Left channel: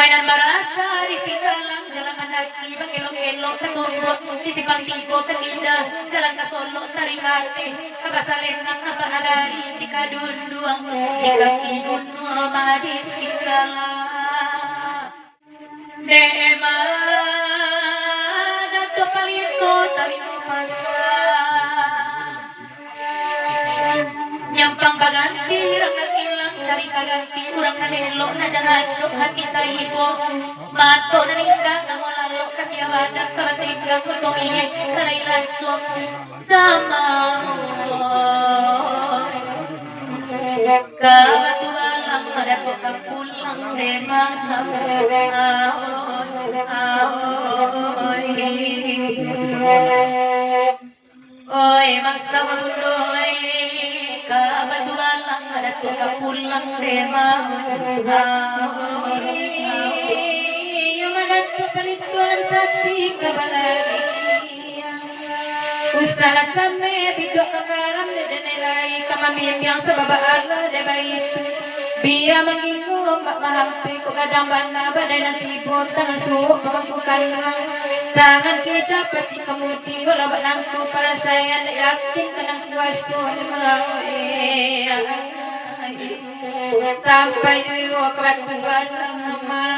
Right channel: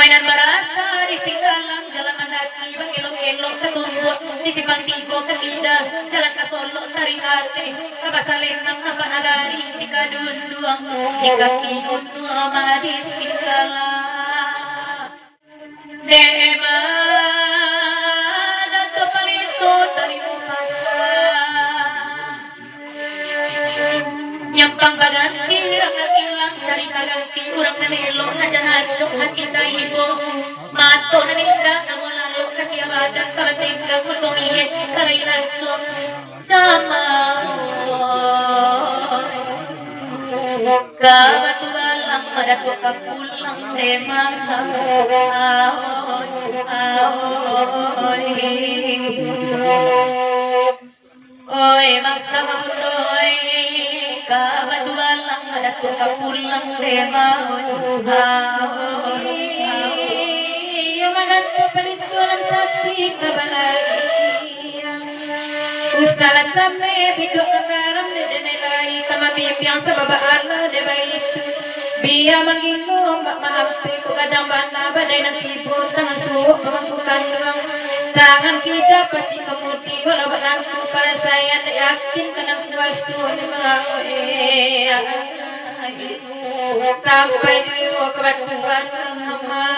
mainan barasa di singgalang jalan mendaki elok-elok ketumbuk di simpang tigo ketidak jalan ke Solo tarikate ke Basalenang ke Panagari si kadunduang di kaki gunung amadi singgalang dema dato palito dari pasar nyampang baganti rakyat ilang cerita ganti urang nanelo najanacok hati taibo mato naninda namolalo kasiawadan kabatingga kutumiye kalailason namao kabatualang madato kapulang demasa oy masa kabuloy kabatulan lang madato kapulang demahon madato palituan sakti kabalay usalan same bidok kakaram de denelay kamabiyang sa babaan de bayit biya magingong mahampi ko kadang bana baday ng tibon tangang suok pamangkukan lang tangan kita pati kamuti wala ba nang ko para sayan yakin ka ng kuwaso ni mga sampai ko kabatuan ng mga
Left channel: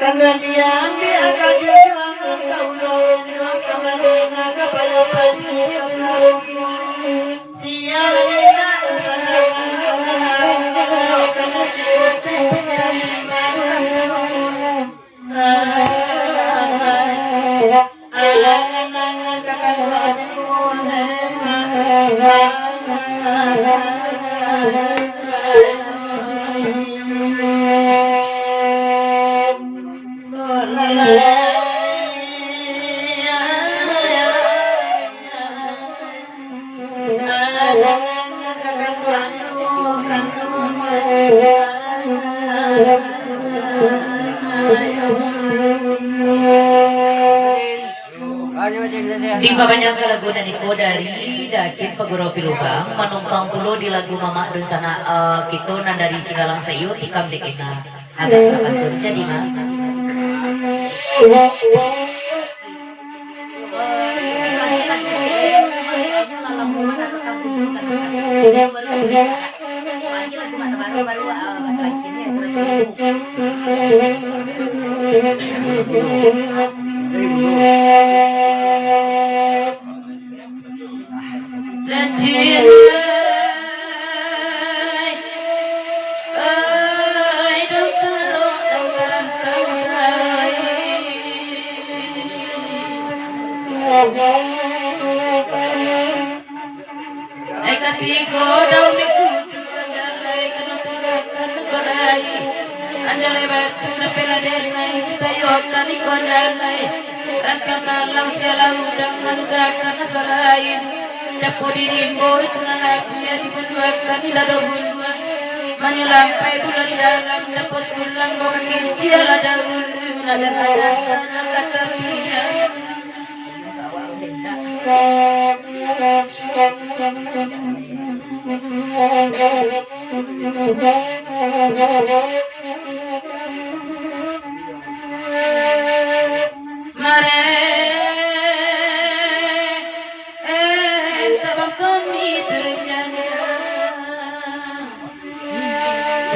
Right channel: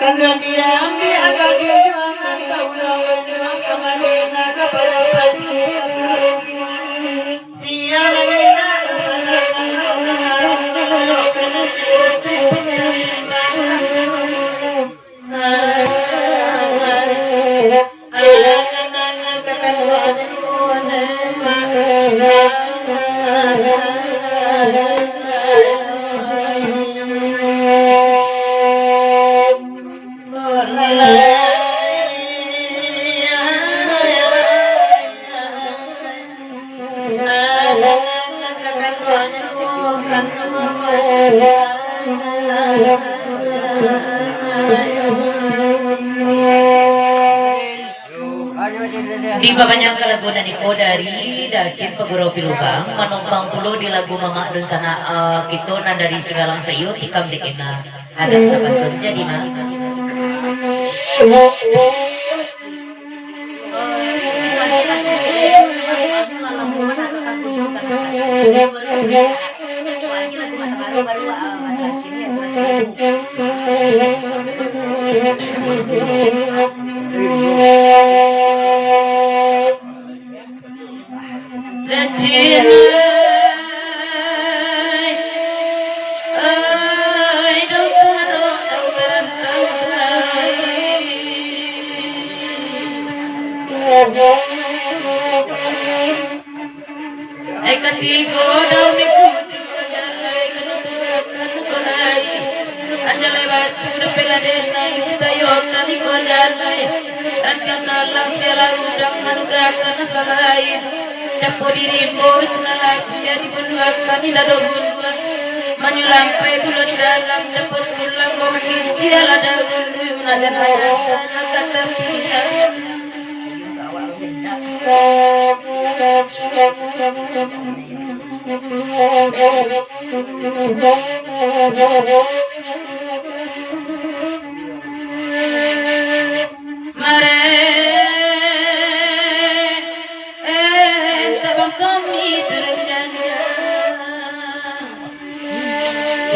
karena dia ambil Di babanya lagu dari Kodari Dacin Paguro Pilubang manumpang pulo di lagu Mama Dosana gitu nan dari Sigalang Sayu ikam dikena agak sapatun jadi na baru laki ini ya sudah menyulampai dulu di dalam dapat pulang mau kecil ada dulu ada sana kata dia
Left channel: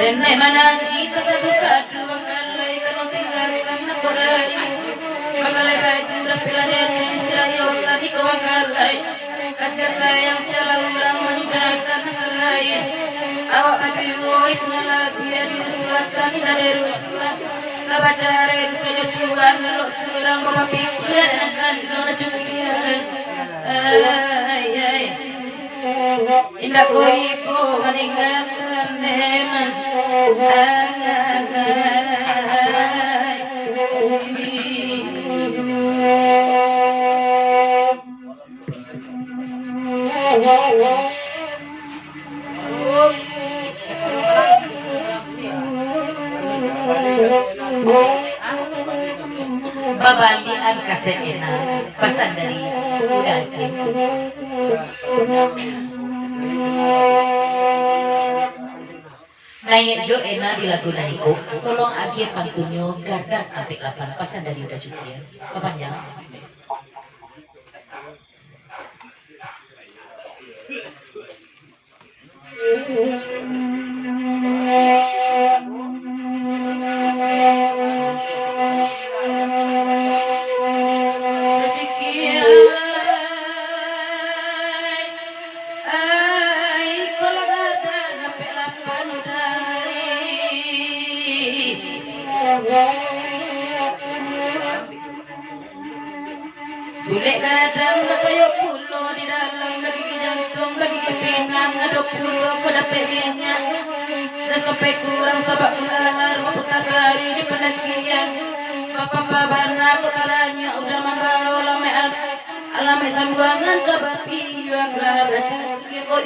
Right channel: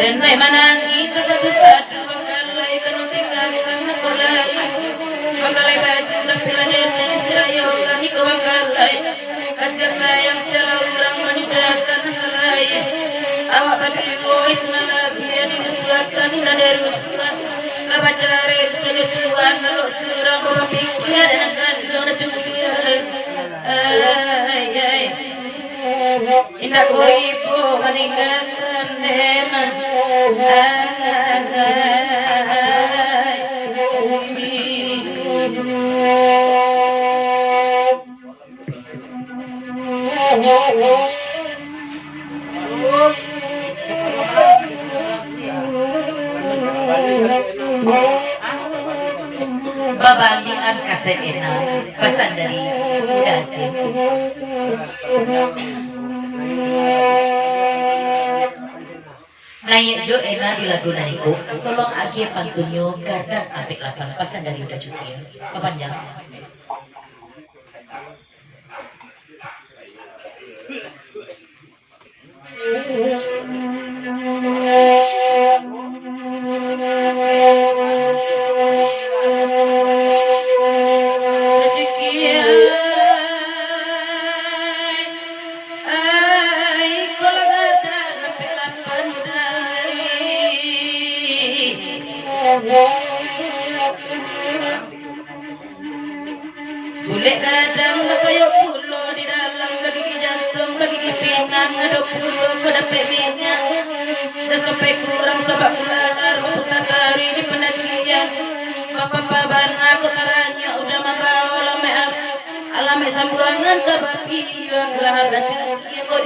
dan mana kita satu-satu kalau ikan tinggalkan korai makalai baju rapilah dan Israel kami kewakalai kasih sayang selalu ulang menidakkan selain awak berdua itu lagi yang diusulkan dan dirusulkan kabacara itu saja Tuhan lalu seorang orang pikir dan akan dona cukup indah koipo meninggalkan neman babalian kasenina pesan dari Buddha Jin. Naik jo ena di lagu naniku tolong agi pantunyo garda apik lapan pesan dari Buddha Jukia panjang. Boleh kadang saya pulo di dalam lagi jantung lagi pinang ada pulo kedapat minyak dah sampai kurang sebab ular putar tari di pendakian bapak-bapak aku taranya udah membawa alame sambuangan ke bapi gelar raja yang kau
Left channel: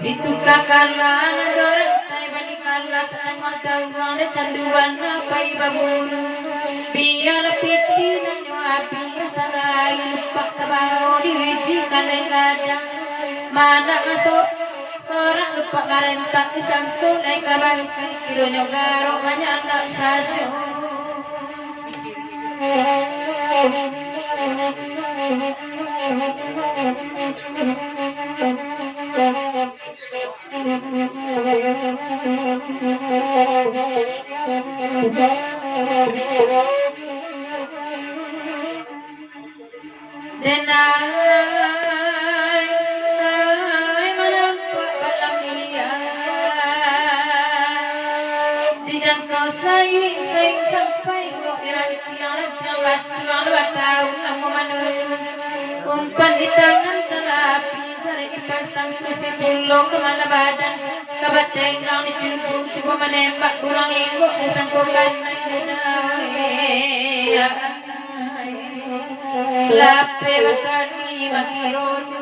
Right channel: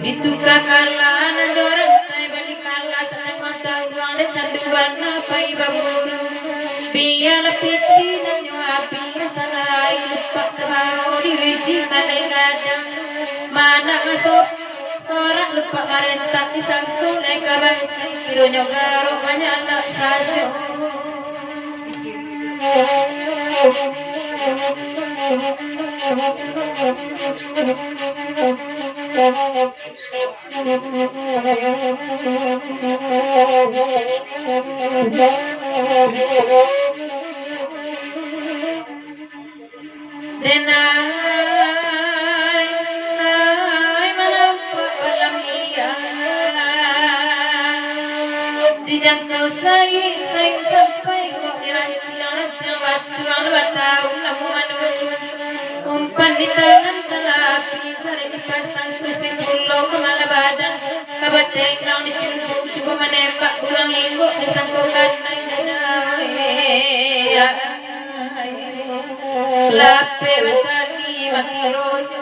Ditukakalan dorang tay balikala tanang matawang le canduan na pay baburu biya na piti na nyo api salay pakabao di wiji malegada mana ngasok orang lupa marentang isang kulay kabang kiro nyo garo manyala sajo dijangkau say sampai kok tiang batau namun umpan di tangan telapi sari dipasang mesin pulau kemana badan kabatenggang dicukup coba menembak kurang ingok disangkukan lape batani wakirono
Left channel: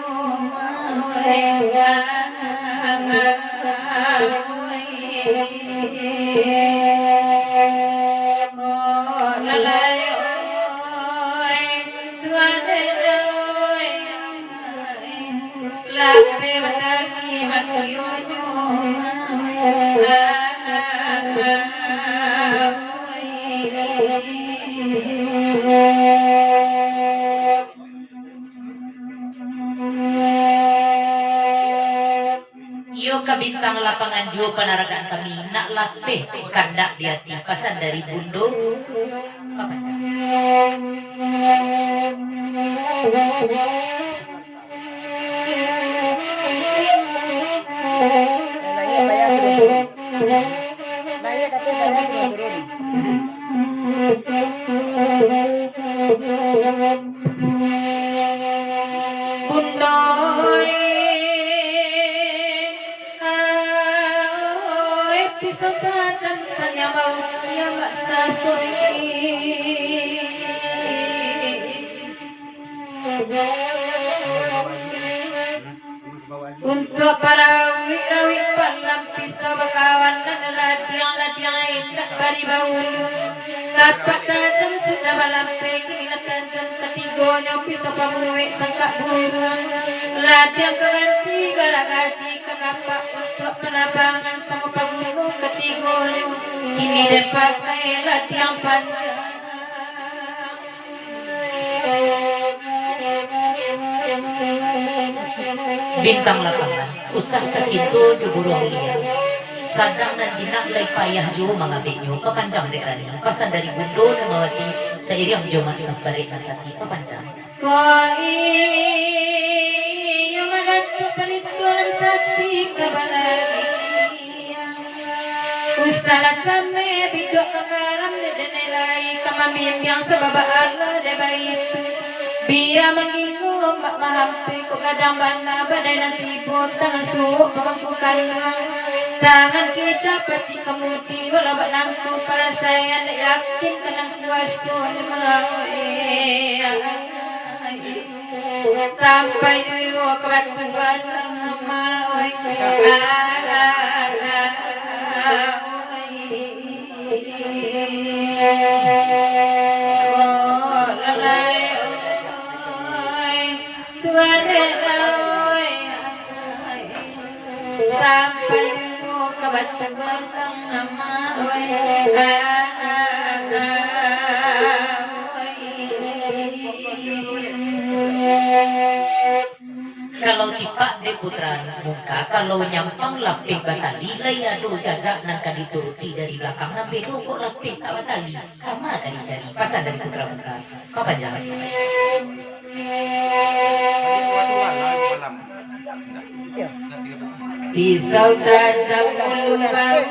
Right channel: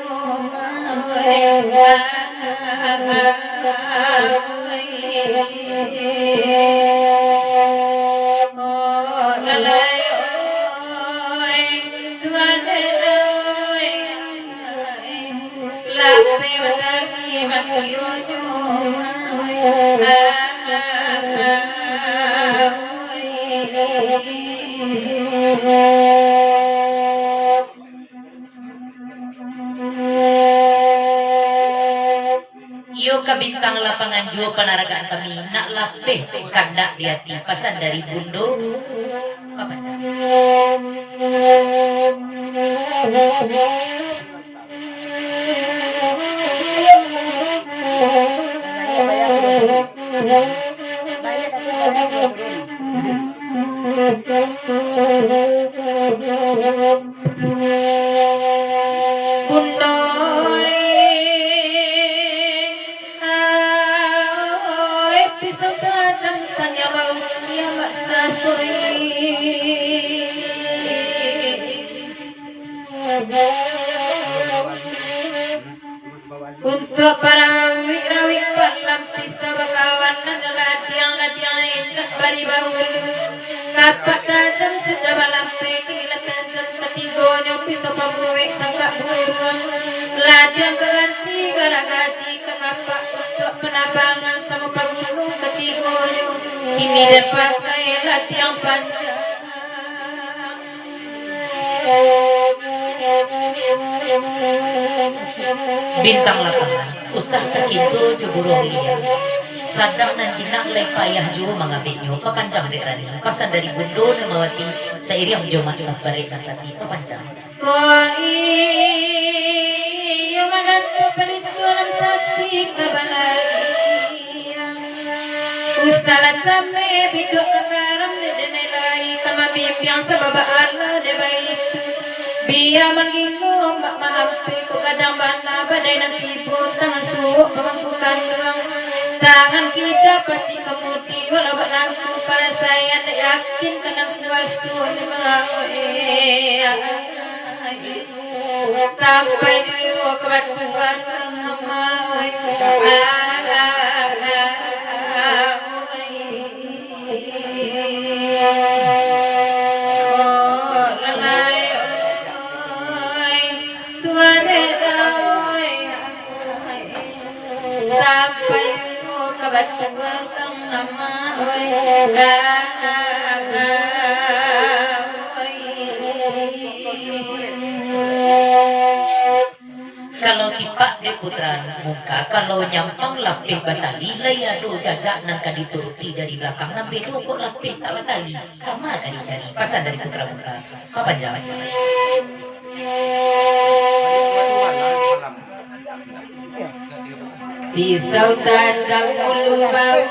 Yo kabintang lapangan jo panaragaan kami nak lapeh kandak diati pasan dari bundo untuk para rawi palampis bagawan dan latiang indah bari bahulu kapak tajam sudah balampe kila tajam ketigonya pisau pabuwe sangka buruan latiang keganti garagaji kapak untuk penabangan sama paguru ketigonya kini depak kaya latiang panjang bintang lapangan usah secintu jeburong liar sadang dan jinak lay payah jo mangabek nyo papanjang dek rani pasan dari bundo namawati sairiang jo maksa barik nasati papanjang koi madat pelituan sati kabalai usala same bidok kagaram de denelai kama bimbang sababa Allah de bait biya mangingo mahampi ko kadang bana badai nanti pun tangan suuk pangkukan tangan kita pasti kemuti walau barangku para saya yakin kadang kuasu sampai juga kebatuan nama kalau tipak de putra muka kalau nyampang lapeh batali layado jajak nangka dituruti dari belakang nampe kok lapeh tak batali kama tadi cari pasan dari putra muka apa jalan pisau tajam ulu bau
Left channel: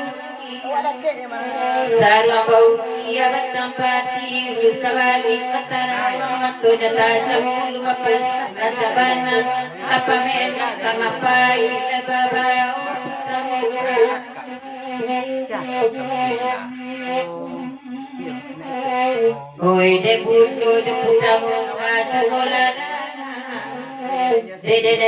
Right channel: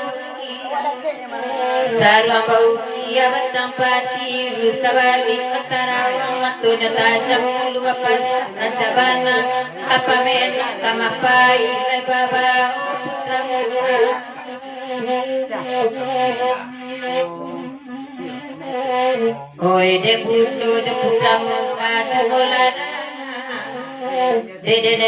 sarwa bau ia bertampati rusawali katarawang matunya tajam ulu bapas rajabana apa menak kamapai lai babau putra muka oi de bundo de putra muka cebolana Dede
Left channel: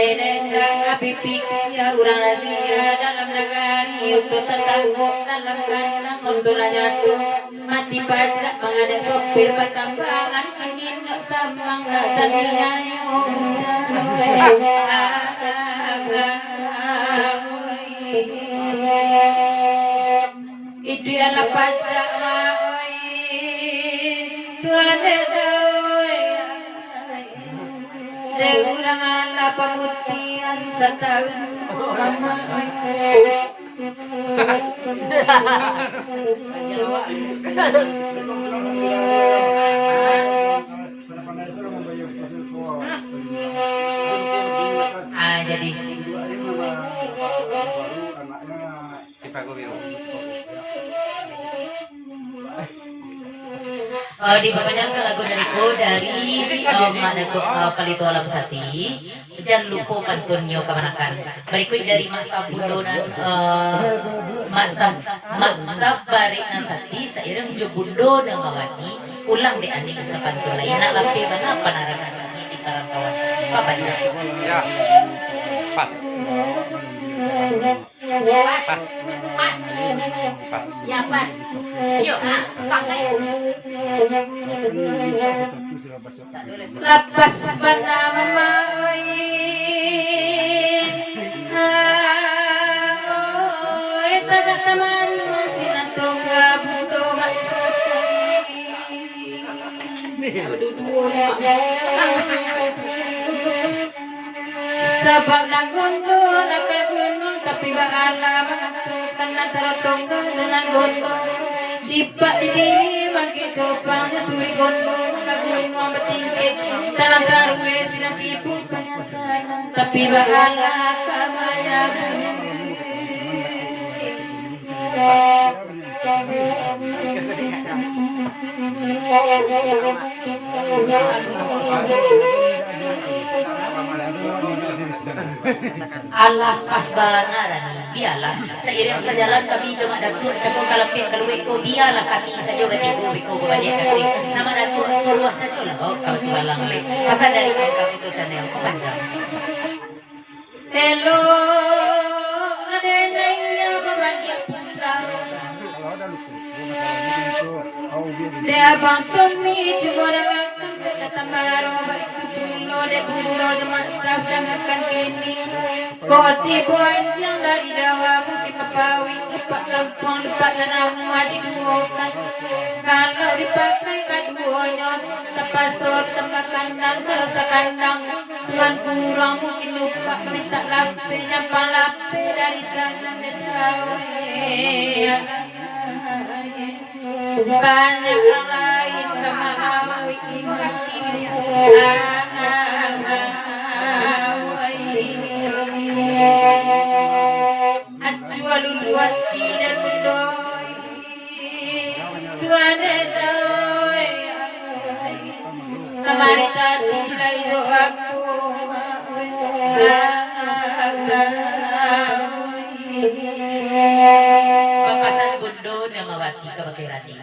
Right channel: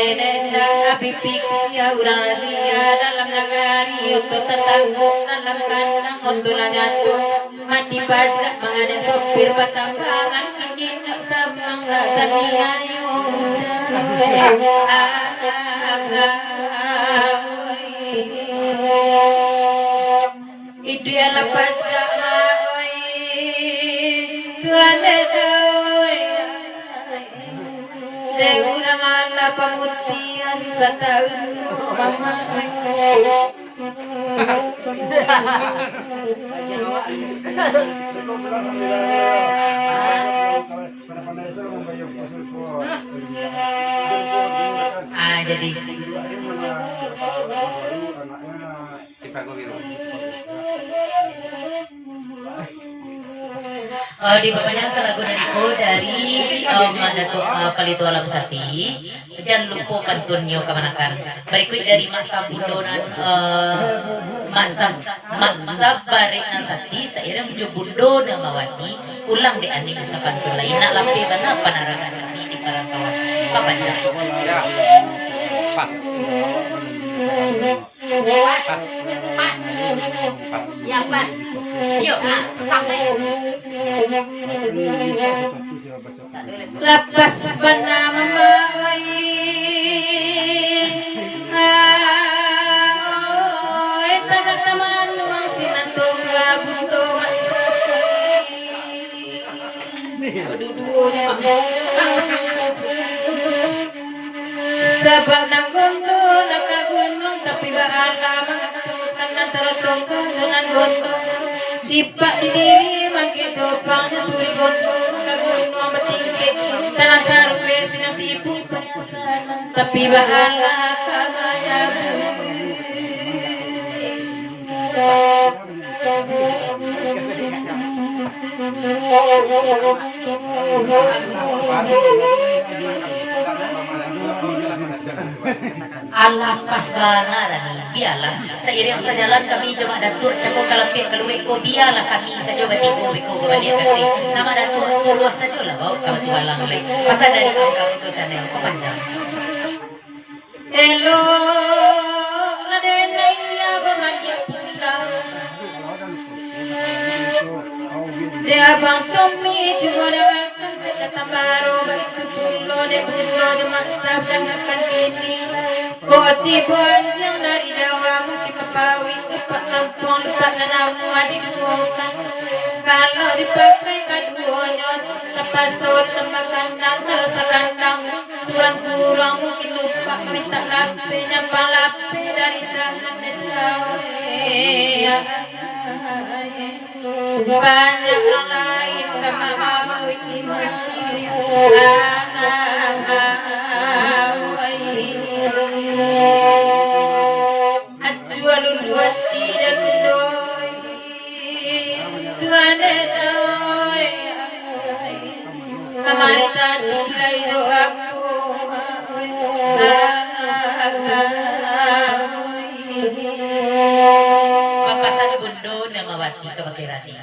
bipiki ya urang razia dalam nagari untuk tetanggu dalam kandang untuk nyatu mati pajak mengada sopir patambangan kini nak samang akan niayo itu adalah pajak Tuhan Urang ala pamutian sa taon mama jadi di bawahnya lagu dari Datuk Palito Alam Sati. Jangan lupa kantunnya kemanakan. Berikut dari masa bundonan masa Barik Nasati seiring Jobundo dan Mawati ulang di aning sa pantun lain nak lampi mana panaragan di Parangkawan. Kapan ya? Pas. Yang pas. Yuk, sampai. Lapas bernama Mai tanah teman masih nantoga buto sebab nang gondol ka gunung tapi baala mengatukan antara tonggo jalan gondol tiba di diri mangke topang turi gondol ka gunung matingke tanah sarwe sinatipu penyasanan tapi baala kabayang Allah pasbana dan biarlah seiring sejalan kami cuma datuk cakap kalapik keluik ko biarlah kami saja batiku biko balik kami nama datuk suruh saja lah bawa kami tualang lagi pasal dari angka putusan yang kepanjang hello Raden Naya bahagia pulang dia abang Tommy cuma dengan kata baru itu pulo de pulo di masa dengan kini koti panjang dari Jawa mungkin kepawi pak kampung pak tanamu dibuangkan kalau dipakai keduanya tapasor tempat kandang terasa kandang Tuhan kurang mungkin lupa minta lape nyapa lape dari tangan banyak orang lain sama hawi Ajual luati dan doi Tuhan doi kemarin tadi lagi aku papasan bundo namawati kabakirati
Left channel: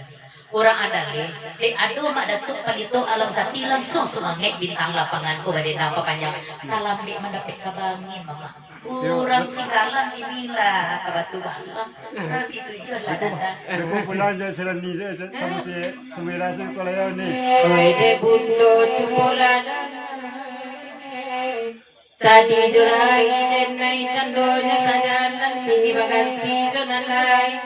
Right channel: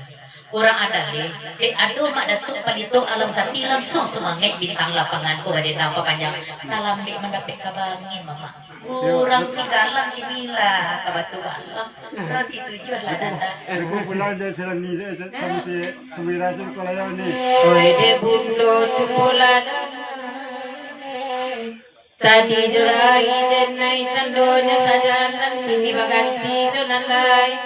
orang ada deh aduh mak datuk Palito Alam Sati langsung semangat bintang lapangan ko badai nampak panjang kalam dek mendapat kabangin mama orang si kalam inilah kabatu orang si tujuh lah dada Pelanja selani sama si semira tu kalau ni. oi de bundo cupolada tadi julai dan naik cendolnya sajalan ini baganti jonan lain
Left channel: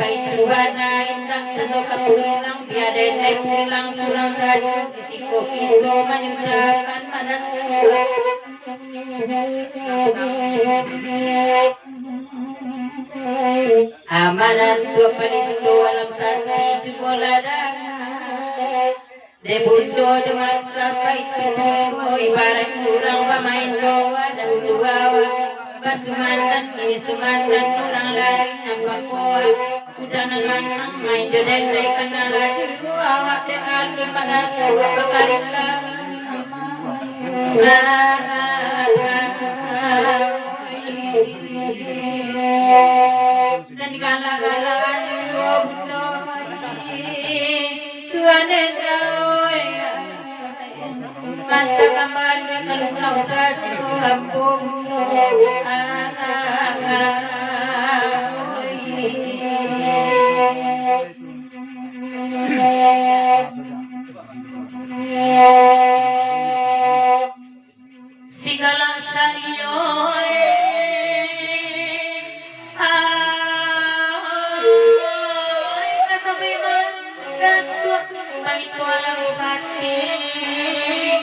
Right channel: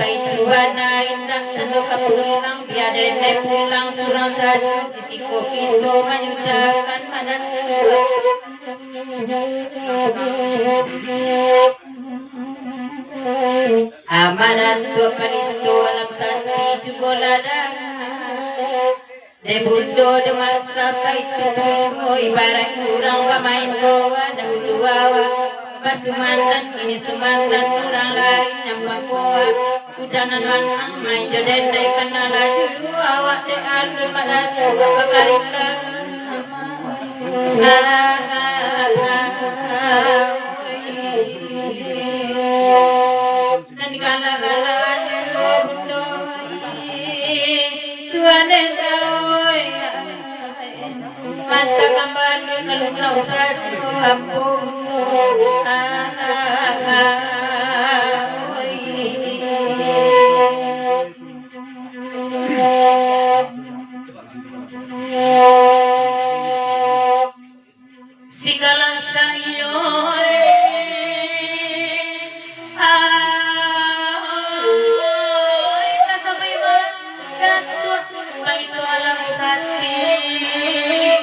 baik tuana indah cendol pulang dia dene pulang surang saja disiko kita menyudahkan mana amanat tu Palito Alam Sati Cubolada de bundo de masa itu bundo ibarat kurang pemain goa dahulu awa basumanan ini sumanan orang lain nampak goa udanan manang main joden dai kana laju awak de adu madatu bakarilla dan gala-galaan bundo Tuhan mata kembali kalunglaw sa hambog sigalang sa iyo kasabay man dato palito lang sa atin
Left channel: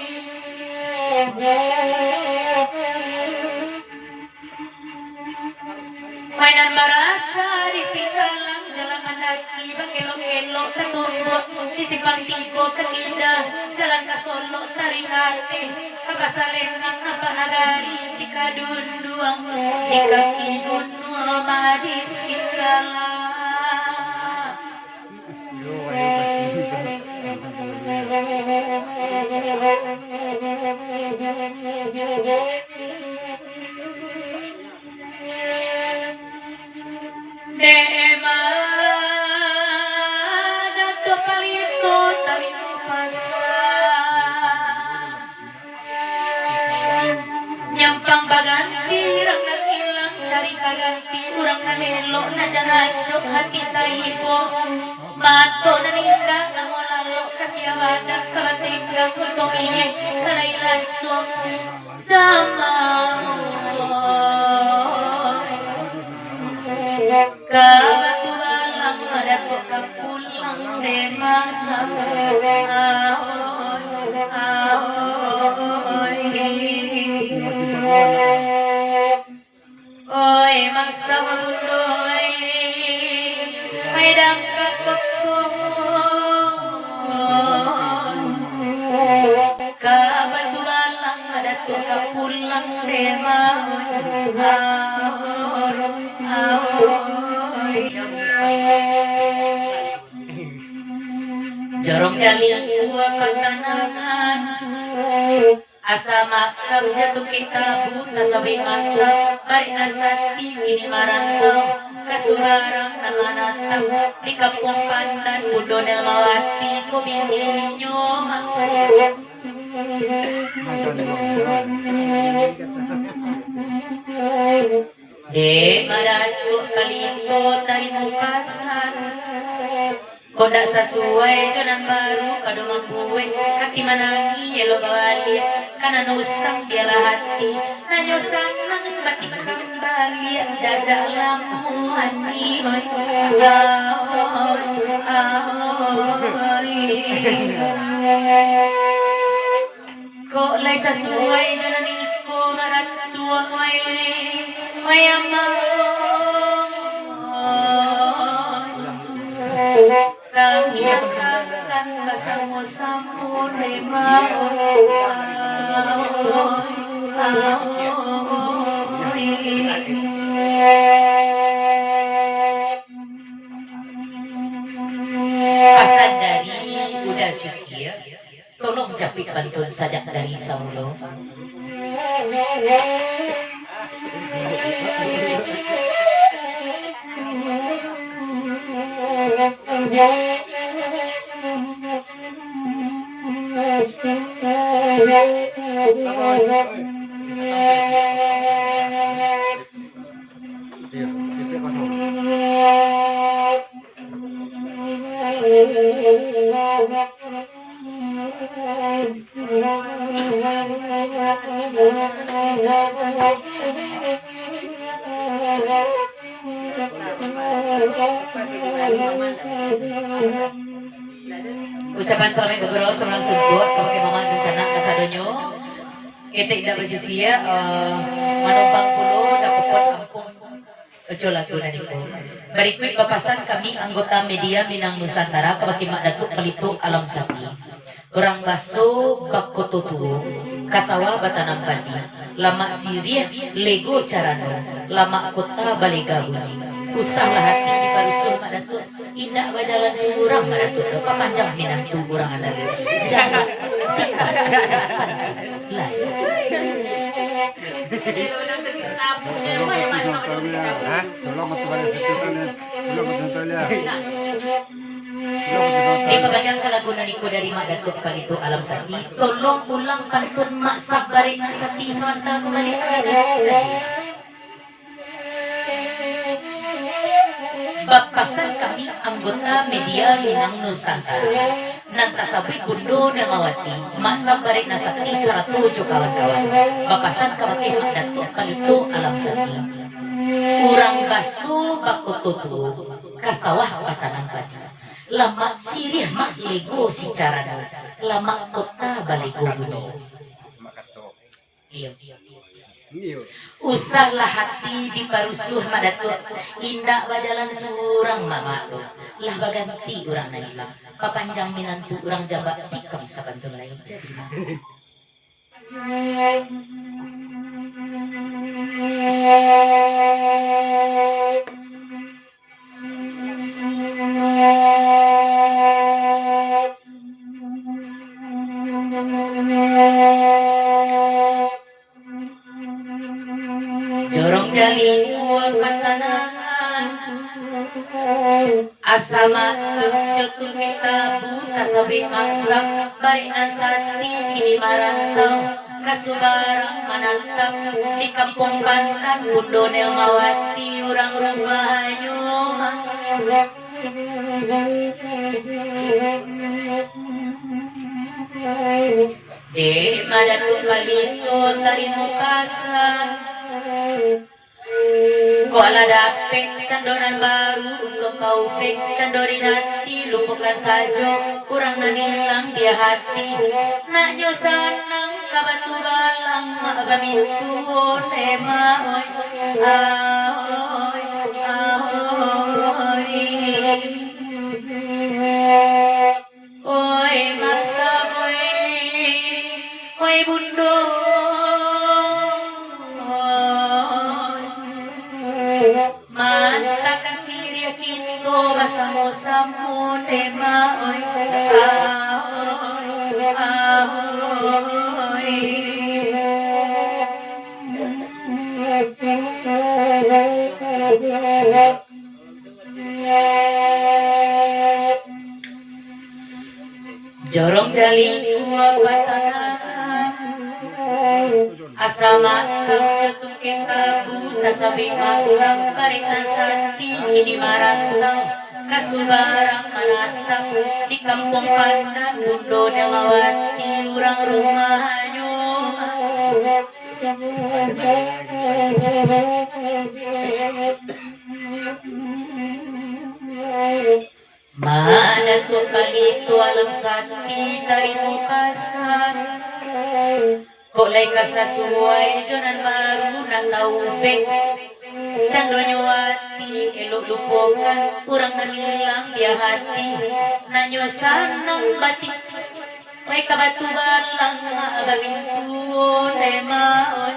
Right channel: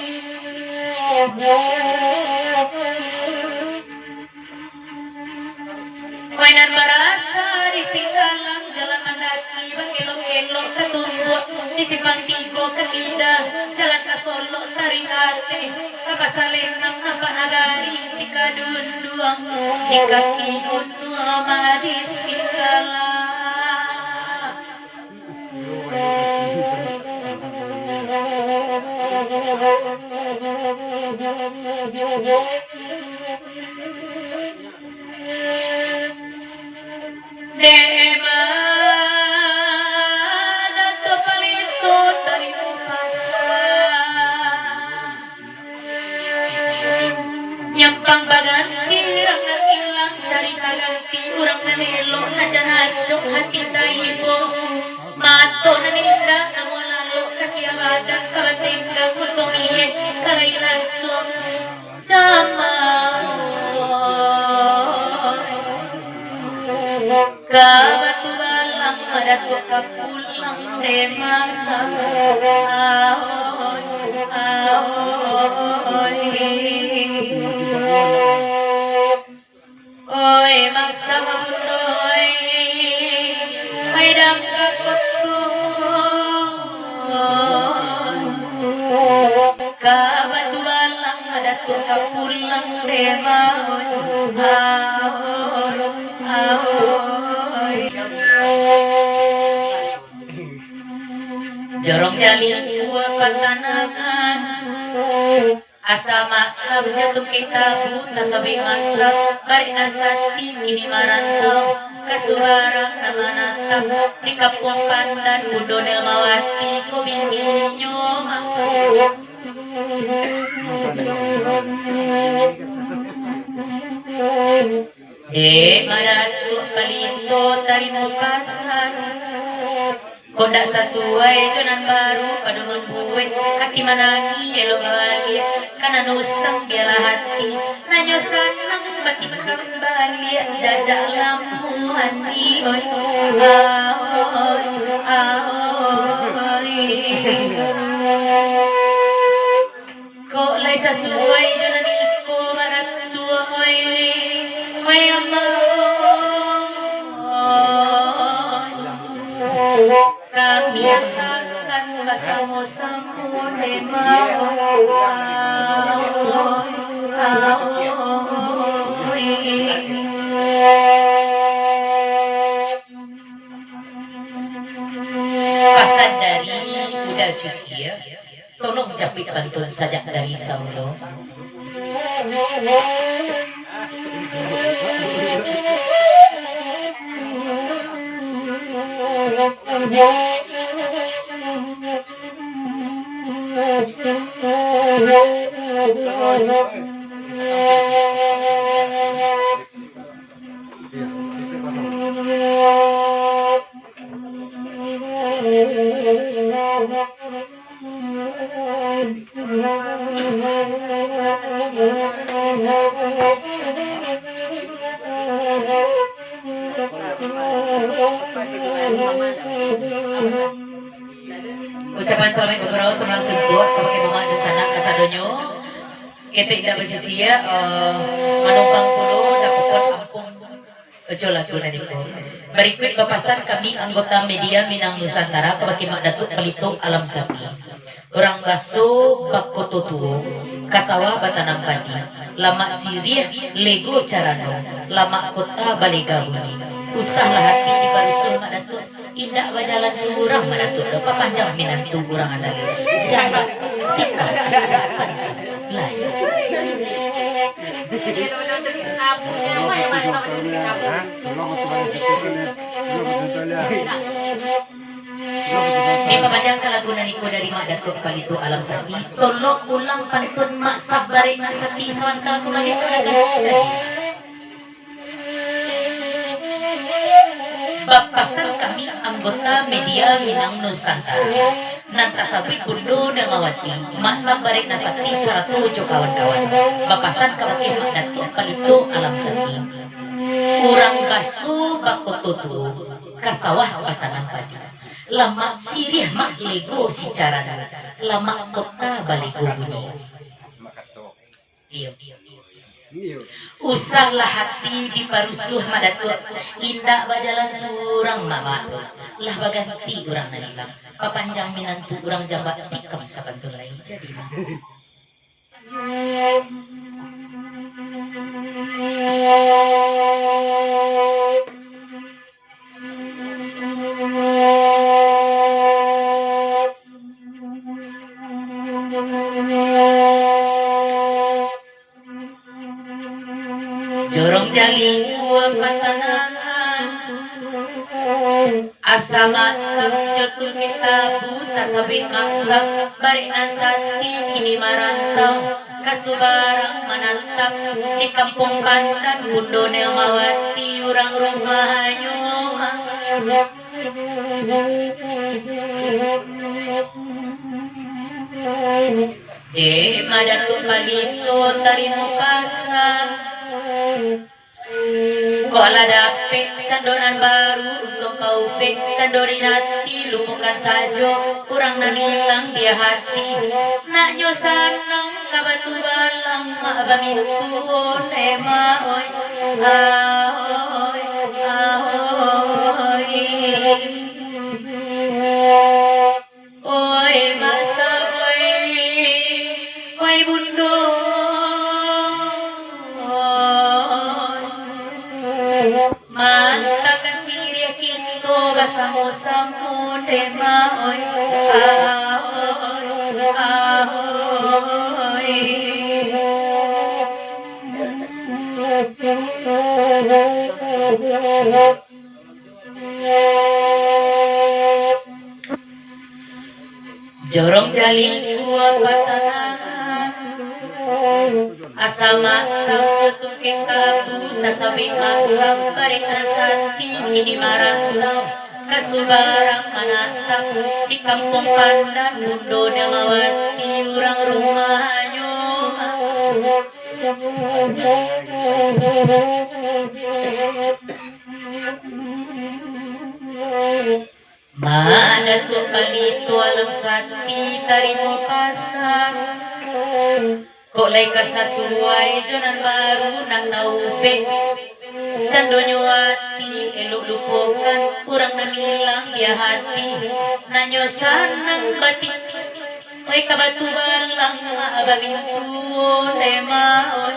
mainan marasa di sigalang jalan manaki elok-elok ketumbok di simpang tigo ketida jalan kasolo tarikate kapasalenan napanagari si kadunduang di kaki gunung amadis sigala Dema dato palito dari pasan nyampang baganti urang hilang cari kaganti urang nanelo najanajok hati taibo mato naninda namolalo kasiawadan kalatinggang kutumiye kalailason kabatulan lang madato kapulang demasa oy masa mabundoy ay damkat kabatulan lang madato kapulang demasa jorong jali dua patanangan asa maksab jatuh kita buta sabi masa bari nasati kini marantau kasurarang namanatang di kampung pandan budonel mawati ko bininyo madatuk palito tarimu pasan kodak sesuai jonan baru paduman buwe hati managi yelo balik karena nusang biarlah hati nanyosan batik kembali jajak lamu hati oi kok lai sesuai jonan iko marat tua oi kami akan bersama-sama asal dari udah cukia tolong japik bantuan sajak dari Saulo ucapan selamat gugurau sembilan suntuk kepakai momen di sana kasadonyo kita tidak bersisia manumpang pulau dapatkan ampun ojo lagu nadiku berikut papasan kami anggota media Minang Nusantara kepakai mak datuk pelito alam sapi orang baso bakototu kasawa batanam padi lama sirih lego carano lama kota balegahuni usaha hati di parusul mak datuk indah bajalan seorang mak datuk lupa panjang minantu orang adali jaga tikar Di pamadang kalagunan ko dari Madato palito alam sati. Tolong ulang pantun mak sabarin na sati samantala kumali talaga. Bapasan kami anggota media Minang Nusantara. Nagkasabi kundo na mawati. Masabarin na sati saratujo kawan-kawan. Bapasan kami Madato palito alam sati. Urang baso bakototo kasawah patanang padi. Lama sirih mak lego si cara lama kota baligo bunyi. Iya. Usahlah hati diparusuh Madato indah bajalan surang mama lah baganti urang nanilang papanjang minantu urang jabat tikam sakantu lain jadi mah. Jorong jali uang katanangan asa masak jotul kita buta sabi masak bari nasati kini marantau kasubarang manantap di kampung Bantan bundo nel mawati urang rumahnya di Madato palito tarimu pasang Kola dapet sandonan baru untuk paupek sandori nanti lupakan saja kurang nanilang dia hati nak nyo sanang kabatu balang mak banitu nema oi ahoy ahoy oi masa oi bundo mantakan siria kito basamo-samo tema oi ahoy ahoy jorong jali dua patangan asal masak jotung kekabu tasabi masak bari nasati kini marantau kasubarang manantang di kampung Pandan bundo nelawati urang rumahnya Madato palito alam sati tarimu pasang kok lay kasasuway jonan baru nang naubek cando nyawati elok lupokan kurang nanilang dia hati nanyo sanang batik way kabatu balang ababintu nemaon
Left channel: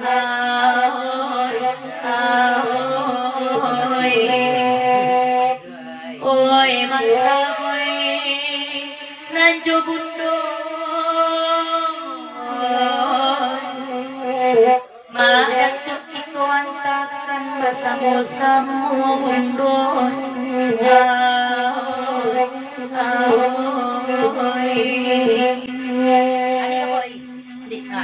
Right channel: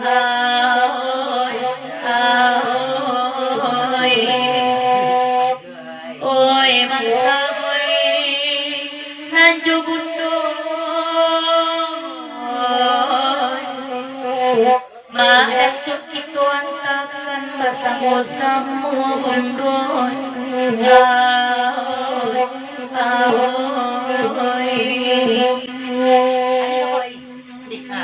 ahoy ahoy oy maksamoy nanjo bundo Madato kito antakan basamo-samo bundo ahoy ahoy ano koy di pa